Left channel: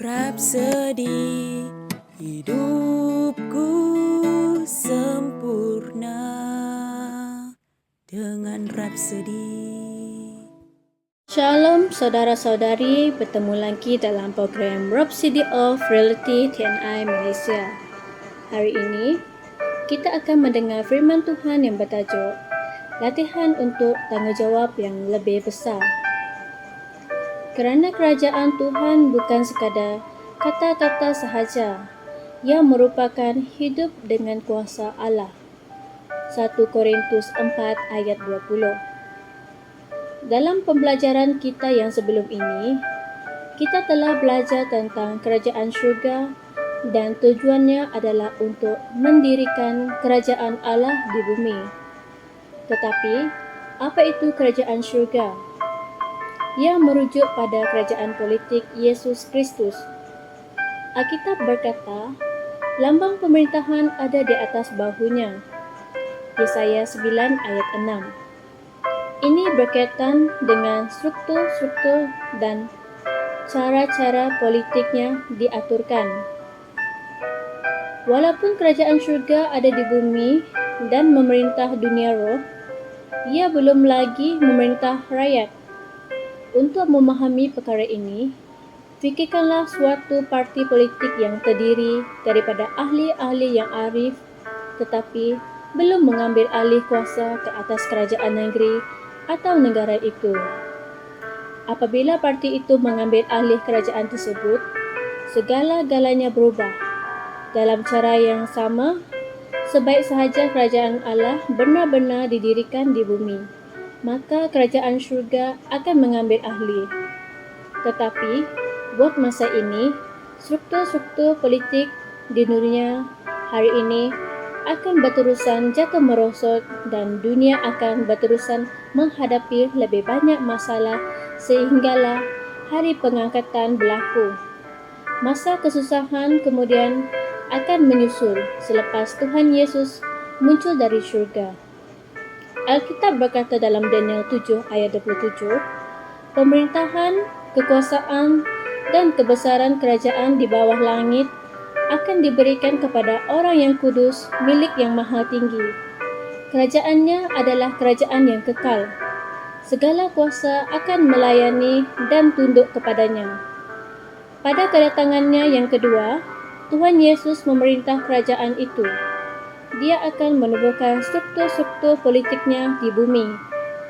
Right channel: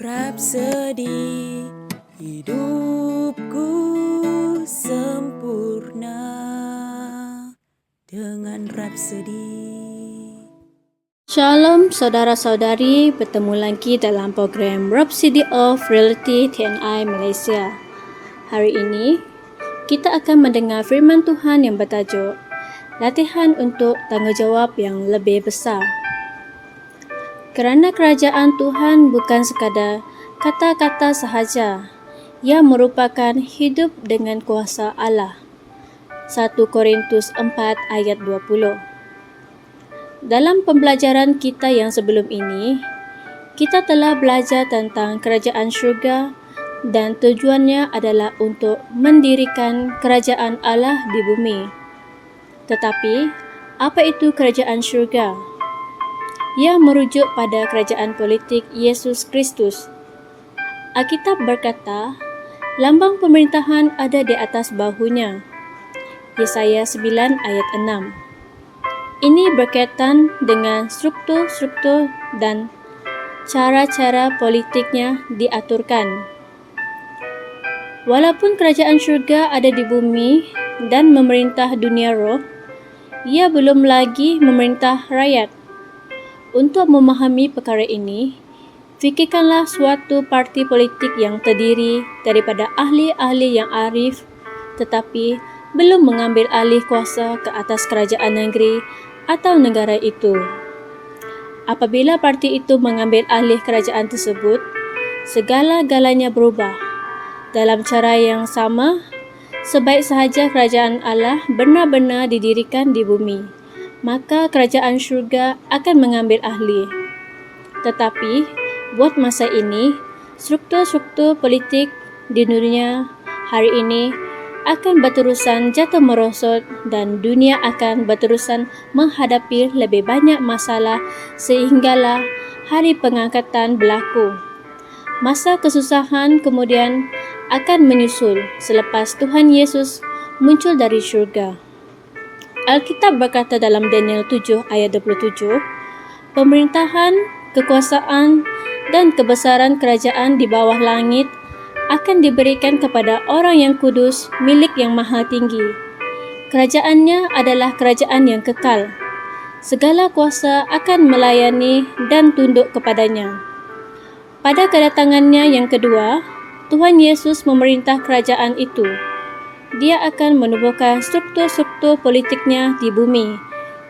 Rapsodi hidupku sempurna dengan Rapsodi. Shalom saudara-saudari, bertemu lagi dalam program Rhapsody of Reality TNI Malaysia. Hari ini, kita akan mendengar firman Tuhan yang bertajuk Latihan untuk Tanggungjawab yang Lebih Besar. Kerana kerajaan Tuhan bukan sekadar kata-kata sahaja, ia merupakan hidup dengan kuasa Allah. 1 Korintus 4 ayat 20. Dalam pembelajaran kita yang sebelum ini, kita telah belajar tentang kerajaan syurga dan tujuannya adalah untuk mendirikan kerajaan Allah di bumi. Tetapi, apa itu kerajaan syurga? Ia merujuk pada kerajaan politik Yesus Kristus. Alkitab berkata, lambang pemerintahan ada di atas bahunya. Yesaya 9 ayat 6. Ini berkaitan dengan struktur-struktur dan cara-cara politiknya diaturkan. Walaupun kerajaan syurga ada di bumi dan memerintah dunia roh, ia belum lagi memerintah rakyat. Untuk memahami perkara ini, fikirkanlah suatu parti politik yang terdiri daripada ahli-ahli yang arif tetapi belum mengambil alih kuasa ke atas kerajaan negeri atau negara itu. Apabila parti itu mengambil alih kerajaan tersebut, segala-galanya berubah. Dalam cara yang sama, sebaik sahaja kerajaan Allah benar-benar didirikan di bumi, maka kerajaan syurga akan mengambil ahli. Tetapi, buat masa ini, struktur-struktur politik di dunia hari ini akan berterusan jatuh merosot dan dunia akan berterusan menghadapi lebih banyak masalah sehinggalah hari pengangkatan berlaku. Masa kesusahan kemudian akan menyusul selepas Tuhan Yesus muncul dari syurga. Alkitab berkata dalam Daniel 7 ayat 27, pemerintahan, kekuasaan dan kebesaran kerajaan di bawah langit akan diberikan kepada orang yang kudus milik yang maha tinggi. Kerajaannya adalah kerajaan yang kekal. Segala kuasa akan melayani dan tunduk kepadanya. Pada kedatangannya yang kedua, Tuhan Yesus memerintah kerajaan itu. Dia akan menubuhkan struktur-struktur politiknya di bumi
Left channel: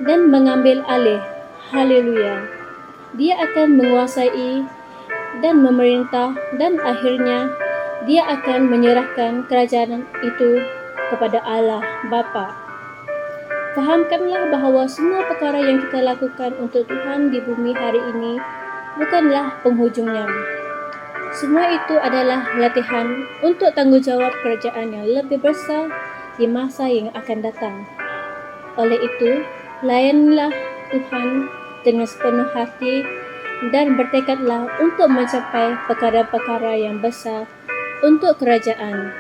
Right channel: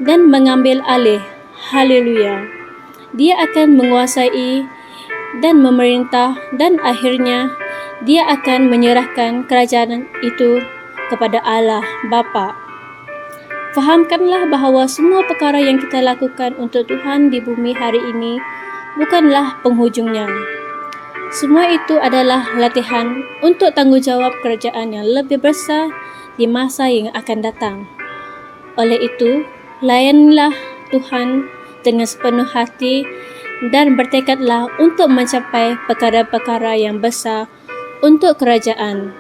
dan mengambil alih. Haleluya. Dia akan menguasai dan memerintah dan akhirnya dia akan menyerahkan kerajaan itu kepada Allah Bapa. Fahamkanlah bahawa semua perkara yang kita lakukan untuk Tuhan di bumi hari ini bukanlah penghujungnya. Semua itu adalah latihan untuk tanggungjawab kerajaan yang lebih besar di masa yang akan datang. Oleh itu, layanilah Tuhan dengan sepenuh hati dan bertekadlah untuk mencapai perkara-perkara yang besar untuk kerajaan.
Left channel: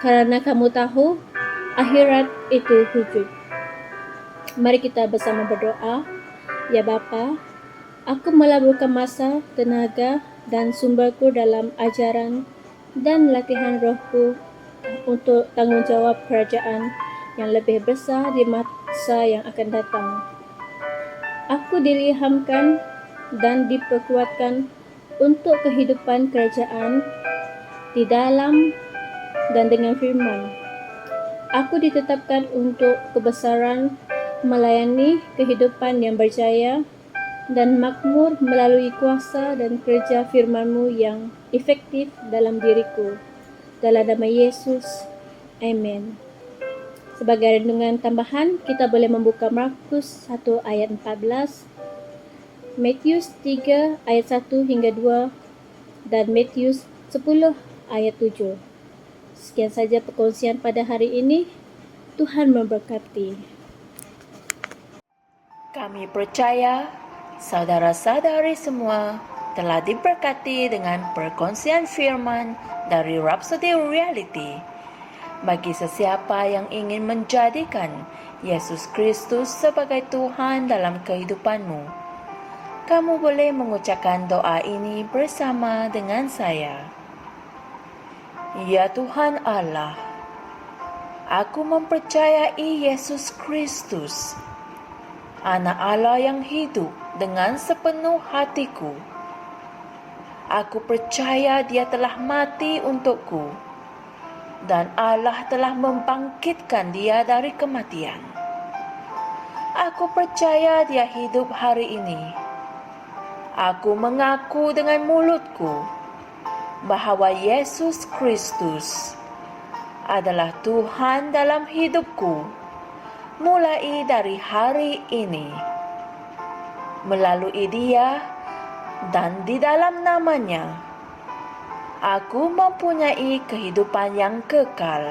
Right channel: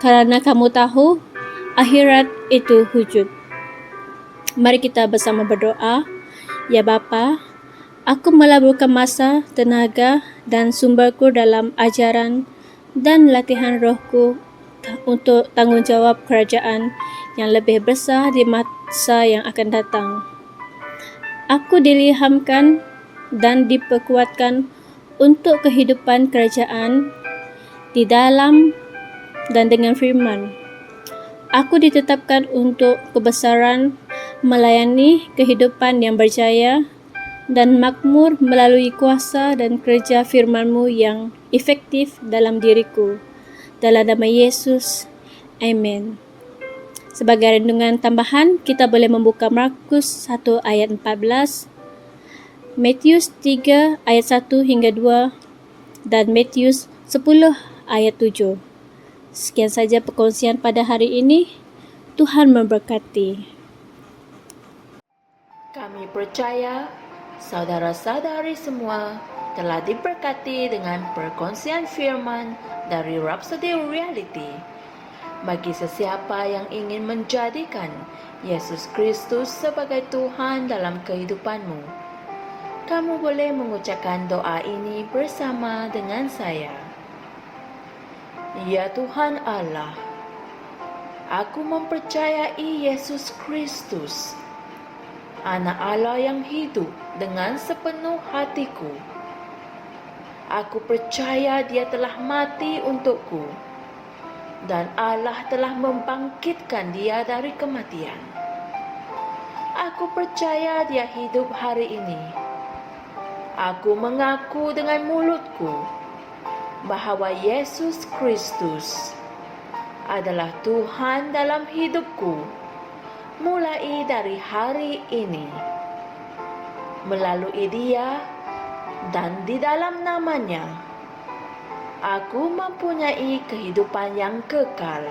Kerana kamu tahu, akhirat itu wujud. Mari kita bersama berdoa. Ya Bapa, aku melaburkan masa, tenaga dan sumberku dalam ajaran dan latihan rohku untuk tanggungjawab kerajaan yang lebih besar di masa yang akan datang. Aku diilhamkan dan diperkuatkan untuk kehidupan kerajaan di dalam dan dengan firman. Aku ditetapkan untuk kebesaran melayani kehidupan yang berjaya dan makmur melalui kuasa dan kerja firman-Mu yang efektif dalam diriku. Dalam nama Yesus, amin. Sebagai renungan tambahan, kita boleh membuka Markus 1 ayat 14, Matius 3 ayat 1 hingga 2, dan Matius 10 ayat 7. Sekian saja perkongsian pada hari ini. Tuhan memberkati. Kami percaya saudara-saudari semua telah diberkati dengan perkongsian firman dari Rhapsody Reality. Bagi sesiapa yang ingin menjadikan Yesus Kristus sebagai Tuhan dalam kehidupanmu, Kamu boleh mengucapkan doa ini bersama dengan saya. Ya Tuhan Allah, aku mempercayai Yesus Kristus, Anak Allah yang hidup dengan sepenuh hatiku. Aku percaya Dia telah mati untukku dan Allah telah membangkitkan Dia dari kematian. Aku percaya Dia hidup hari ini. Aku mengaku dengan mulutku bahwa Yesus Kristus adalah Tuhan dalam hidupku mulai dari hari ini. Melalui Dia dan di dalam nama-Nya, aku mempunyai kehidupan yang kekal.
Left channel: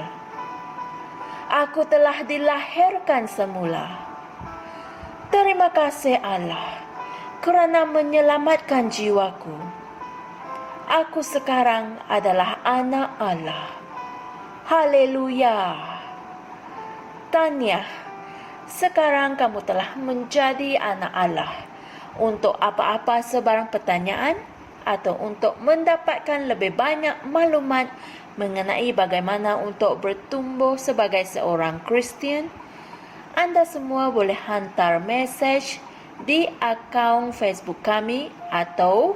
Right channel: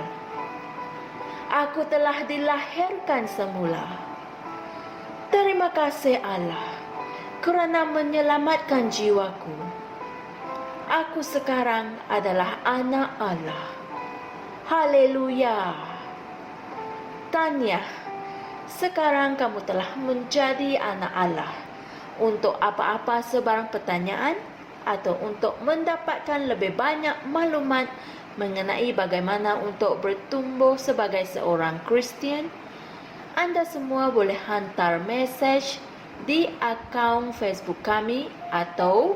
Aku telah dilahirkan semula. Terima kasih Allah kerana menyelamatkan jiwaku. Aku sekarang adalah anak Allah. Haleluya. Tanya, sekarang kamu telah menjadi anak Allah. Untuk apa-apa sebarang pertanyaan atau untuk mendapatkan lebih banyak maklumat mengenai bagaimana untuk bertumbuh sebagai seorang Kristian, anda semua boleh hantar mesej di akaun Facebook kami atau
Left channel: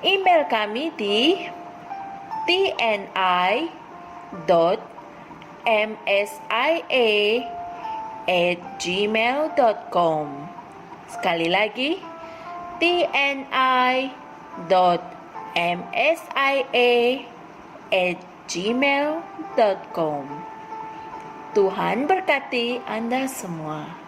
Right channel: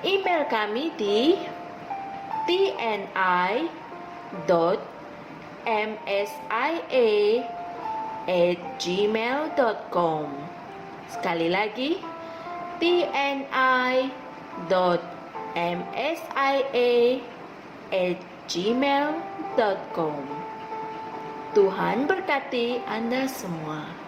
email kami di tni.msia@gmail.com. Sekali lagi, tni.msia@gmail.com. Tuhan berkati Anda semua.